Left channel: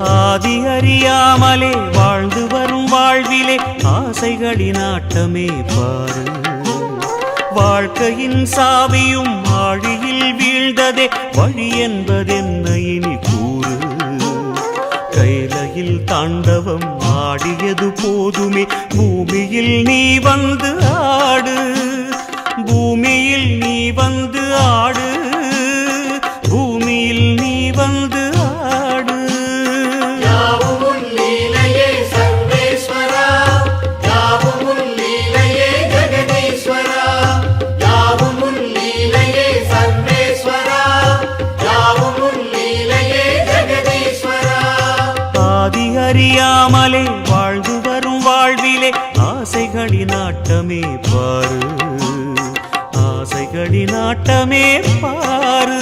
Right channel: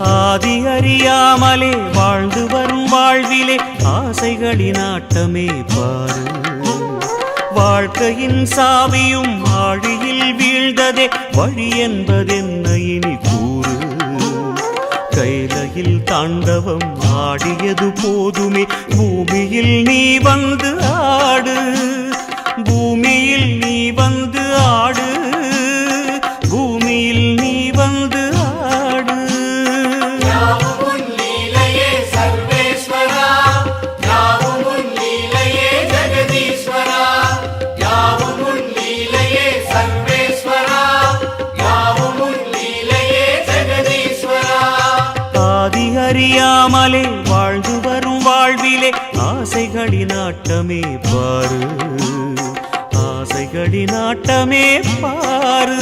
ஆதி அறியாமலே வாழ்ந்து வரும் வாழ்விலே ஆசைகளின் ஆட்டமே பாரு. வாழ்க்கையின் சாவியும் ஆழியில் வீழ்ந்ததே வழி என்பதென்ன இனி கூறு. கைலையில் தாண்டவம் ஆடியது போதுமே பூமியில் நீ வந்து ஆடு. பூமியில் நீ வந்து ஆடு. பூமியில் நீ வந்து ஆடு. ஆதி அறியாமலே வாழ்ந்து வரும் வாழ்விலே ஆசைகளின் ஆட்டமே பாரு. ஆசைகளின் ஆட்டமே பாரு.